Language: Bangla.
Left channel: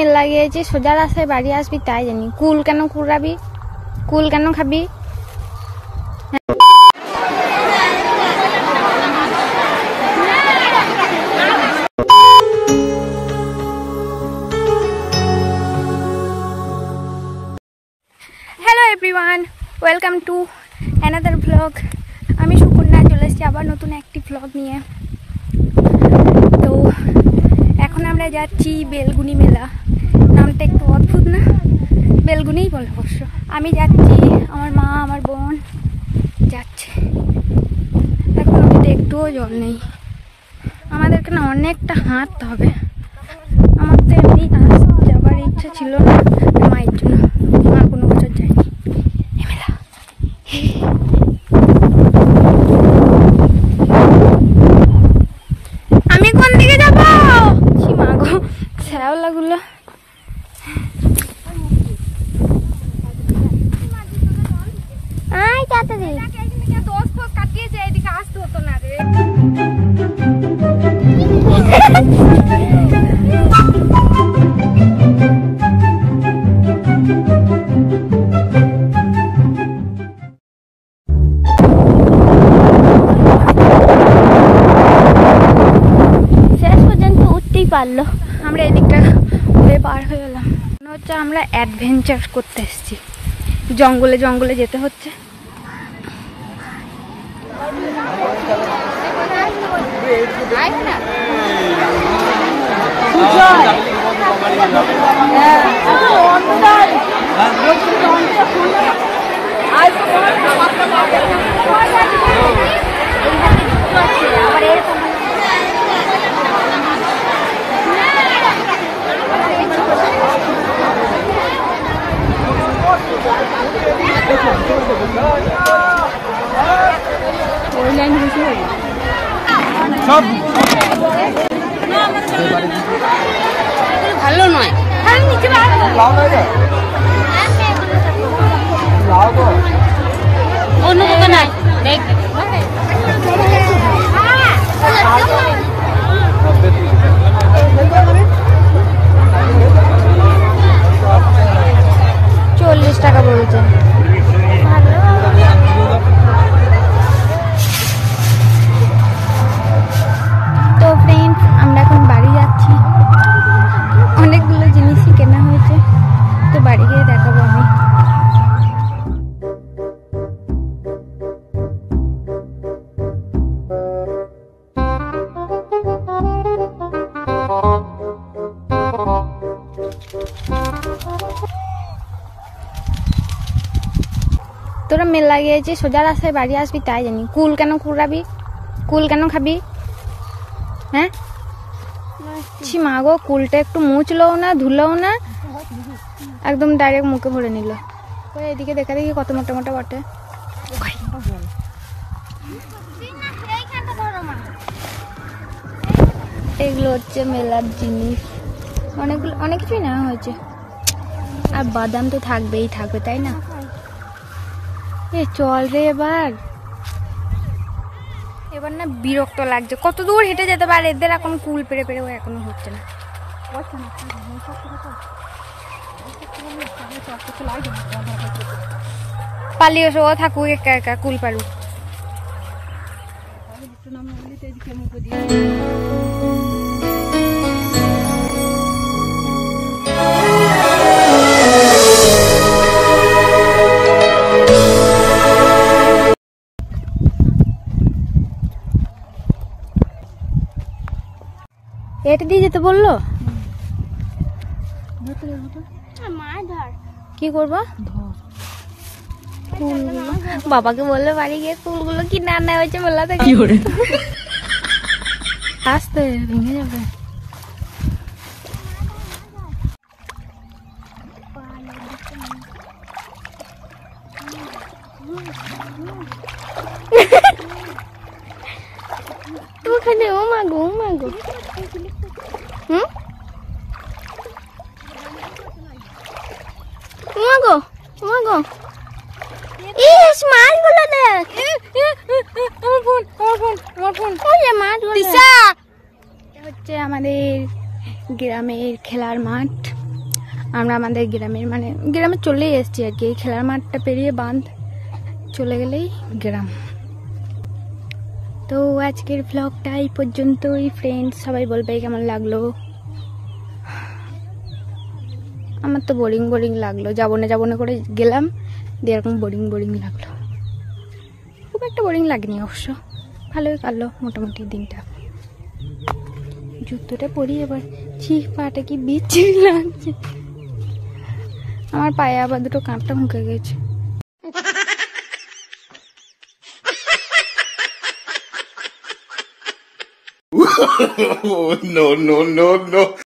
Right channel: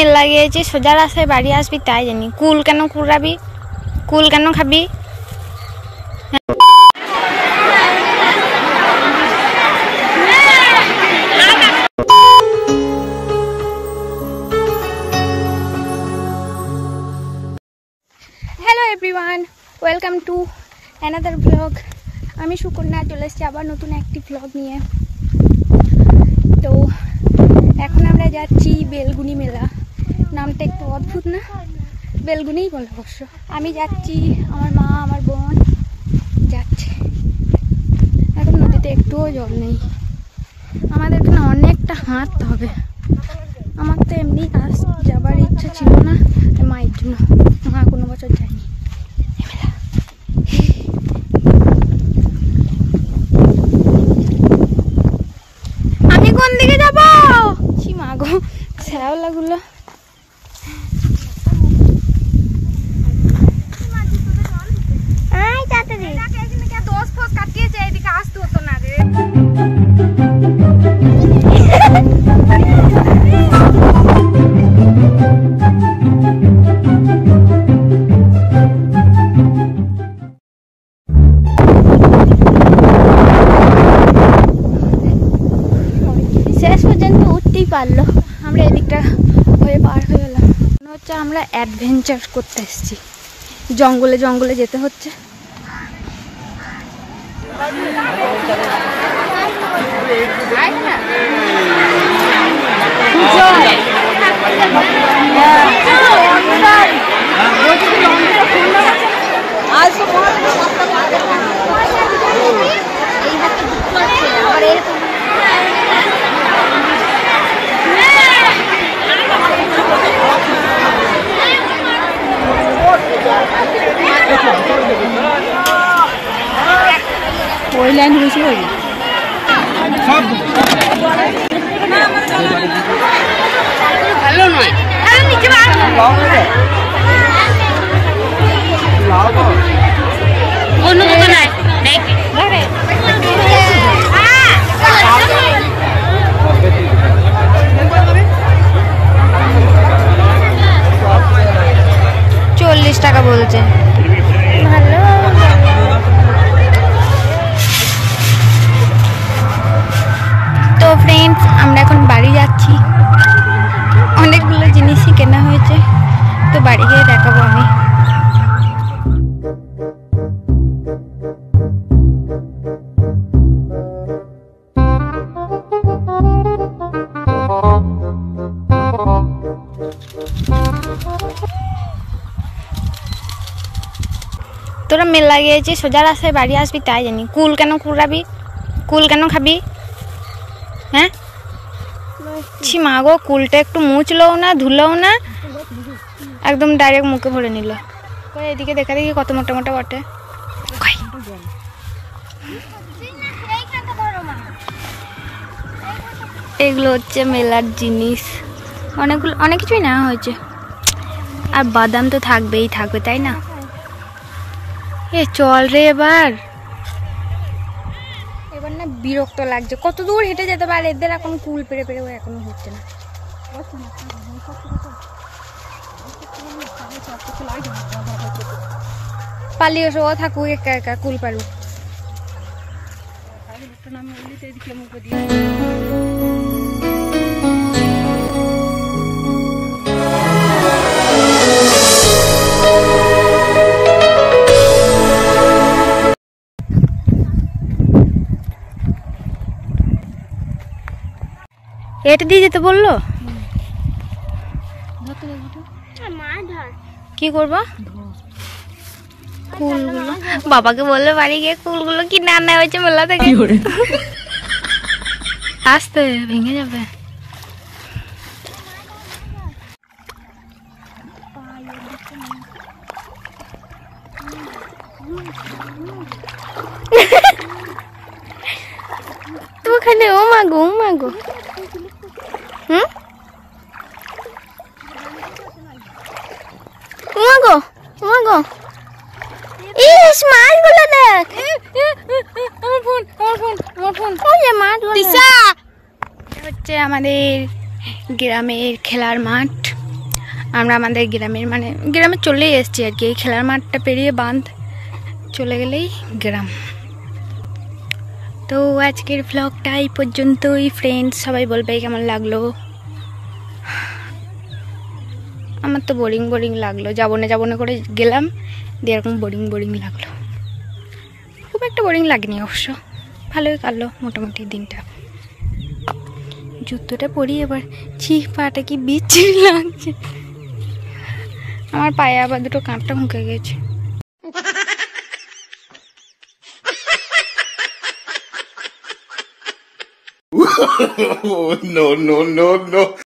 মেলা গিয়েছি, সোজা রাস্তায় বাড়ি আসবি তাই জানি। কুল কেন কুড়াবি, কুল কেন খাবি? Hello everyone, welcome to another blog. আমি সুকন্যা চলে এসেছি আবার নতুন একটি ব্লগ নিয়ে। তো এখন আমরা যাচ্ছি বেলগুনি মেলা। নামটা একটু অদ্ভুত না? বেলগুনিই বলে অবশ্য। আমি যাচ্ছি, আমার মা আমার বোন যাচ্ছে। এখন নদীতে একটুও জল নেই, আমাদেরকে না অনেকটা হাঁটতে হবে। আমার তো এমনি যাবার ইচ্ছা ছিল না মায়ের জন্য, মা কোনো বছর যায়নি। আমি কোন দিকে যাবো? মা গো, শ্যাওলাগুলো। পারলো, আমরা এদিকটা হয়ে পার হয়ে গেলাম। মনে হচ্ছে আমরা অ্যাডভেঞ্চার করতে এসেছি, জঙ্গলে জঙ্গলে যেতে হচ্ছে। ওই লাইন বসে সব ভালো নয়, অন্য দোকানে টাকা বলছে। তো ফ্রেন্ডস, আমরা এখন বাড়ি যাচ্ছি। অনেকগুলো জিনিসই কেনা হয়েছে, তো বাড়ি গিয়ে দেখাবো আমি। তোরা মেলা গিয়েছি, সোজা রাস্তায় বাড়ি আসবি তাই জানি। কুল কেন কুড়াবি, কুল কেন খাবি? হ্যাঁ মা গো, কুলটা একটু মুছলও না, ধুলোও না, একদম ডাইরেক্ট মুখে ভরে নিল। এদিকে দেখা দেখি কত মোটা মোটা বটে। এগুলো হচ্ছে মেলার জিনিস, অনেকগুলো অনেক কিছুই নেওয়া হয়েছে। আর বাদাম তো থাকবেই থাকবে, তাই না? এ চল রে, এবার না বিরক্ত লাগছে। কত দূর হেঁটে যেতে পারে, এদের এখন কুল পেরে পেরে এখনো হচ্ছে না। পালিয়ে এসো, ও থাকুক একা একা, কুল পারুক। এটা দিয়ে যেতে বললো, কি করবো? কুলগুলো বাবাকে বললে বাড়ি গিয়ে কুলগুলো কিনে আনা হয়েছে মেলা থেকে। আসতে ভেঙে যাবে। তো ওখানে ও মাগো, ও মাগো, মাগো মাগো, ইস মাছগুলো দেখ, মাছগুলো হচ্ছে আমাদের গ্রামের খেলার মাঠ। আমরা আমাদের গ্রামের মানে গ্রামে চলেই এসেছি আর কি। এই খেলার মাঠটা পেরিয়ে বাঁধ চলে গেলেই গ্রাম। তো আজকের ভ্লগটা এই পর্যন্তই ফ্রেন্ডস। সবাই বলবে কেমন লাগলো। আমার তো বোরিং বোরিং লাগলো, যাবো না করে গেলাম, দিয়ে এরকম বোরিং বোরিং লাগলো। খুব একটা বোরিং লাগেনি অবশ্য, ভালোই কাটলো মোটামুটি দিনটা। জুতোটা পরি এবার, পাটা কি বিচ্ছিরি লাগছে। আমার পায়ে আবার দুটো কাঁপটা মুখে গেছে। No, no, no, no.